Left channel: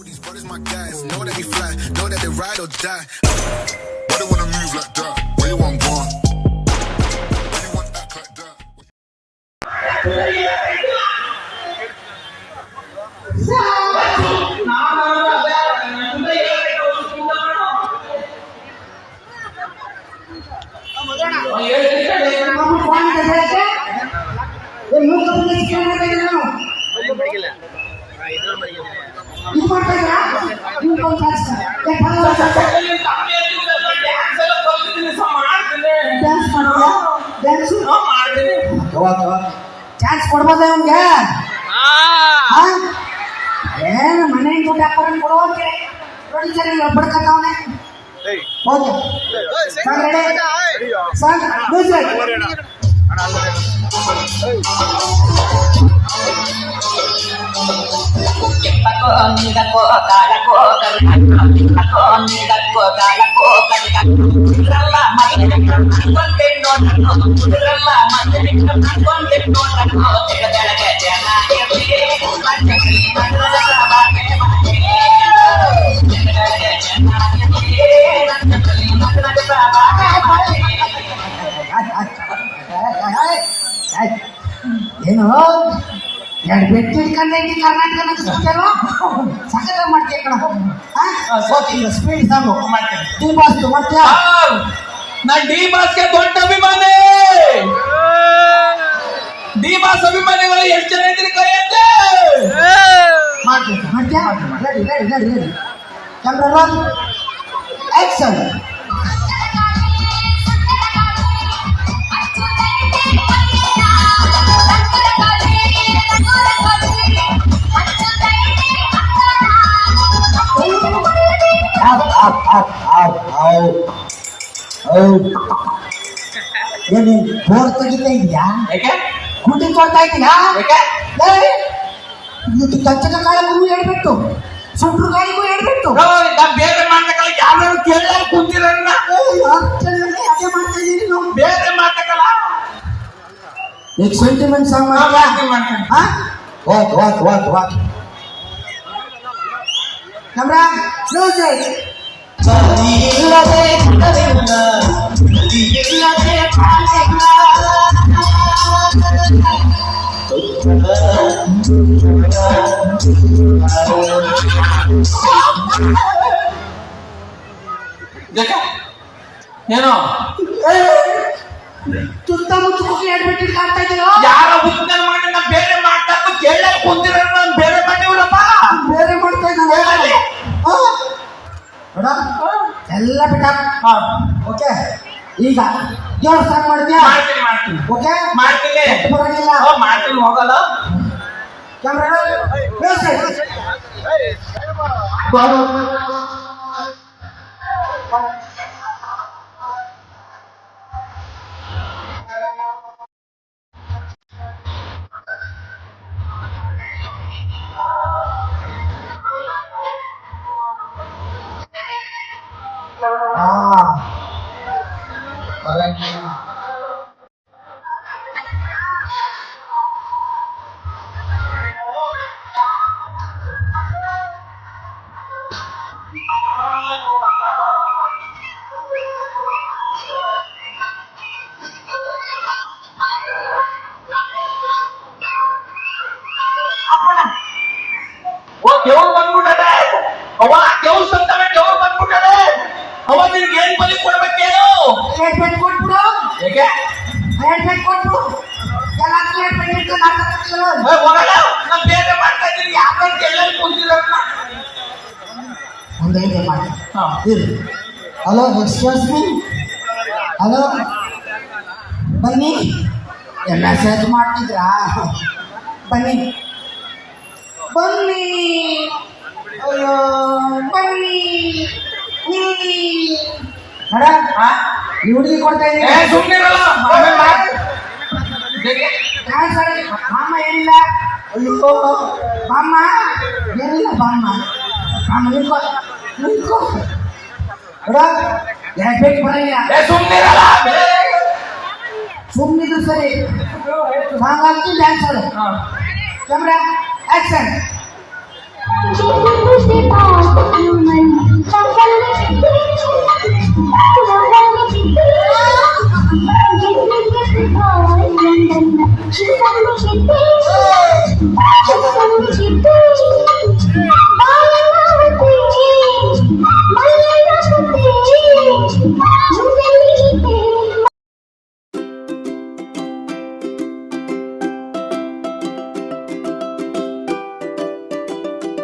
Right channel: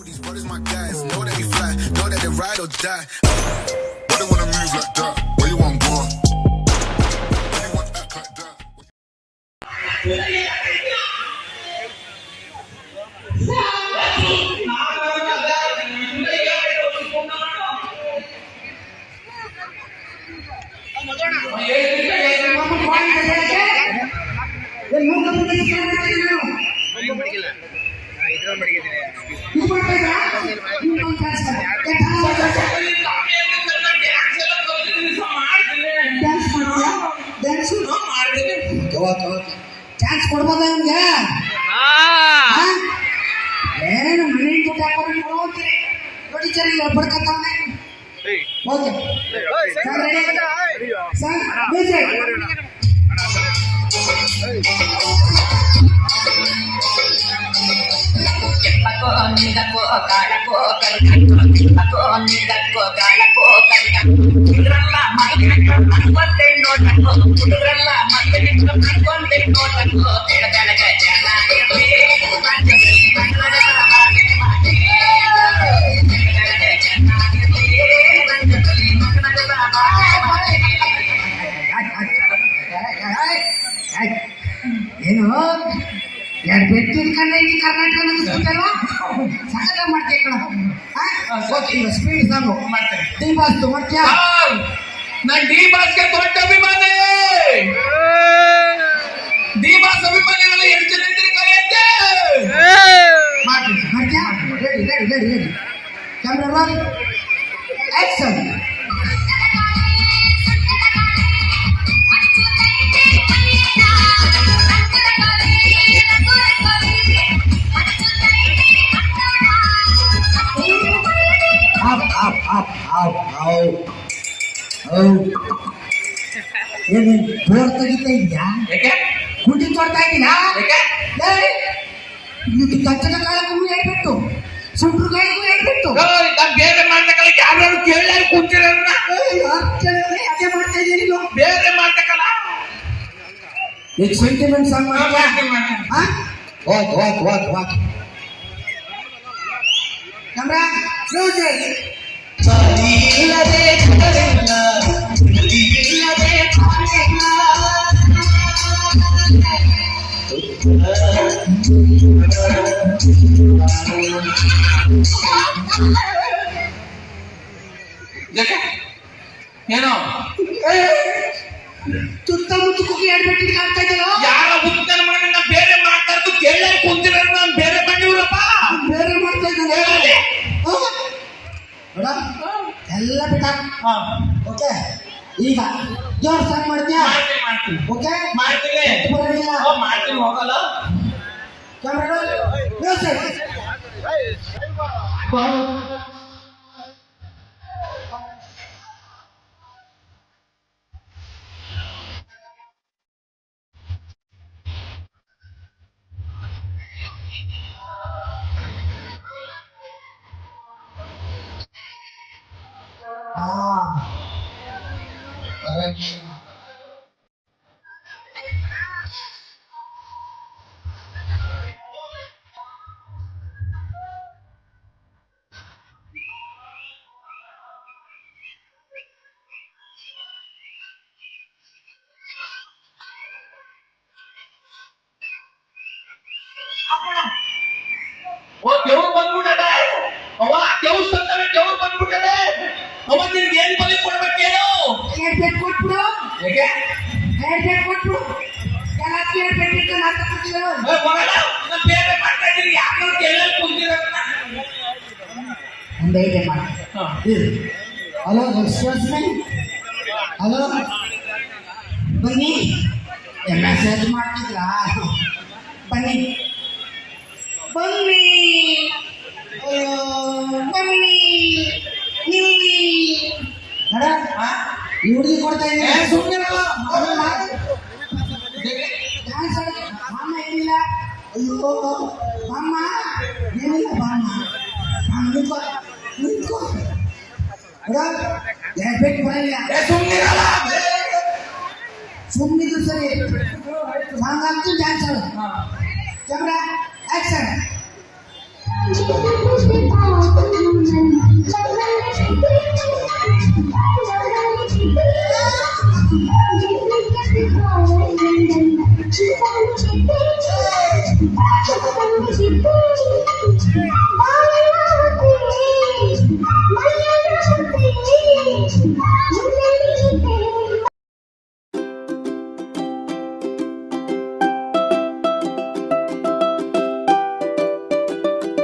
These brothers my guys, know that we fly, know that they ride or die. Why they wanna move like that? Why you want one? Why you want act like that? Chance ಕೊಡ್ಬೋದ ಅವ್ನಿಗೆ ಏನು ಮನೆ ದುಡ್ಡು ಹಾಕೋದು ಕೊಡುವಂತೆ ನೋಡಿ sir ಇಲ್ಲ ಬಡ್ಕತ್ತವನೆ okay sir ready sir music Kipako nidako kalako kipako nidako kalako ralla malikam kontendo nako ralla malikam kontendo nako tedalaga janayate panjali mandala sabane mane tedalaga janayate panjali mandala sabane ಏನು ಎರಡು ಬೆಟ್ಟು ಇಟ್ಕೊಂಡೆ ಇಡೀ ಕರ್ನಾಟಕ ನಗಿಸ್ಬಿಟ್ಟಲ್ವಾ ಸಖತ್ ಮಾಡ್ತೀಯ ಕಣ okay speed song ಮಾಡ್ತೇನೆ D boss ಮಾಡ್ತೀಯಾ ನಾನು ಡಿ ಬಾಸ್ಗೆ ದೊಡ್ಡ ಅಭಿಮಾನಿ ಡಿ ಬಾಸ್ ಅಭಿಮಾನಿಗಳು ಎಷ್ಟು ಜನ ಇದ್ರೆ ಕರೆಯುತ್ತೆ ಮಾಡ್ತೀನಿ ಮಾಡ್ತೀಯಾ ready ready ready ready camera roll action ಏನೇನು ಬೋರ್ ತೆಗಿತಾ ಇದೆಯಾ ಯಾಕೆ ಗುಡ್ಡಿ ಕೊಡ್ತಾ ಇದ್ದೀಯಾ ಯಾಕೆ ಇದು ಕಚ್ಚದ ಕಾಲಕ್ಕೂ ಹೇಳ್ಬಿಟ್ಟು ಸುಂಟ್ರು ಕಾಯಿಗೂ ಹೇಳ್ಬಿಟ್ಟು ನಾ ಬೇರೆ ಮಾಡ್ತಕ್ಕಲ್ಲ ಯಾರು ಕೇಳ ಕುಂತಿರನ್ನ ಅದೇ ಮಾಡ್ತಾ ಇದ್ದೀನಿ ನೀವು ಬೇರೆ ಮಾಡ್ತಕ್ಕಲ್ಲ ಈಗ ಸೆಂಟಿಮೆಂಟ್ ಸಾಂಗ್ ಮಾಡ್ತೀನಿ okay okay okay okay camera music ಇಲ್ಲದೆ ಕರಿಲ್ಲ ಇಲ್ಲದೆ ಕಾಣಿಲ್ಲ ಏನೋ ಸುತ್ತಮುತ್ತ ಕುಕ್ಕಿ ಹೇಳ್ಬಿಟ್ಟು ಕಾಡ್ತಾ ಇದೆಯೋ ಯಾರ ಉತ್ತರ ಮಾಡಿ ನಾ ಬೇರೆ ಮಾಡ್ತಾ ಕೇಳ ಕುಂತಿರ ನಾನು ಬೇರೆ ಮಾಡಿವ್ರಪ್ಪ ಬೇರೆ ಮಾಡ್ತಾ ಇದ್ದಾನೆ ಎಲ್ಲ ಬಿಟ್ಟ ಓಕೆ ಈಗ ಜೋರ್ ಸಾಂಗ್ ಮಾಡ್ತೀಯಾ ಮಾಡ್ತೀನಿ ಮಾಡ್ತೀನಿ ಓಕೆ ಮಾಡ್ತೀನಿ ಬರಂಗಿಲ್ಲ ಮಾಡ್ತೀನಿ ಹೋಗಲ್ಲ ಕ್ಯಾಮ್ರಾ ಮ್ಯೂಸಿಕ್ ದೇವ್ರು ಬಂದ್ಬಿಟ್ಟದೆ ಅವ ದೇವ್ರ ಸಂತವ ದೇವ್ರು ಬಂದ್ಬಿಟ್ಟದೆ ಅವ ನಿನ್ಗೆ ಏನ್ ಬಲಿ ಕೊಡ್ಬೇಕೇನು ಏರ್ಪೇಟ್ ಕೊಟ್ಬಿಡು ಯಾಕೆ ಏರ್ಪೇಟ್ ಕೊಟ್ಬಿಡು ಎಲ್ಲ ಏರ್ಪೇಟ್ ಇಟ್ಕೊಂಡು ಹಾಕತ್ತಿಲ್ಲ ಹೋಗಲ್ಲ ನಾನು ಬೇರೆ ಮಾಡ್ತಾ ಇದ್ದೀನಿ ಯಾಕಂತ ಕೇಳ ಕುಂತಿರಲ್ಲ ಒಂದು ಐಡಿಯಾ ಮಾಡಿ ಹಲೋ ಎಕ್ಸ್ಕ್ಯೂಸ್ ಮೀ ಹಲೋ ಬನ್ನಿ ಮೆಸೇಜ್ ಮಾಡ್ತಿದ್ರಾ ಬನ್ನಿ ಬನ್ನಿ ಅಯ್ಯೋ ಬನ್ನಿ ಇಲ್ಲಿ ಮೇಡಮ್ ಈ ಹುಡುಗಿ ಕೊಡ್ತಾ ಇದ್ದೀನಿ ಸುಮ್ಮನಿರಲ್ಲ ಸರ್ ಮಾಮ ಏನಿಲ್ಲ ಅಯ್ಯೋ ಬಾಮ್ಮ ಏನಿಲ್ಲ ಬಾಮ್ಮ ಮಾಮ ನಿಂತ್ಕೋ ನಿಂತ್ಕೋ ಮೇಡಮ್ ಎರಡು ಬೇಕು ಬರಲ್ಲ ಸುಮ್ಮನಿರಲ್ಲ ಸುಮ್ಮನಿದ್ರು ಸರಿ ಸಾಂಗ್ ಹಾಕ್ತು ಡ್ಯಾನ್ಸ್ ಆಡು ಕ್ಯಾಮ್ರಾ ಆಕ್ಷನ್ Thank you.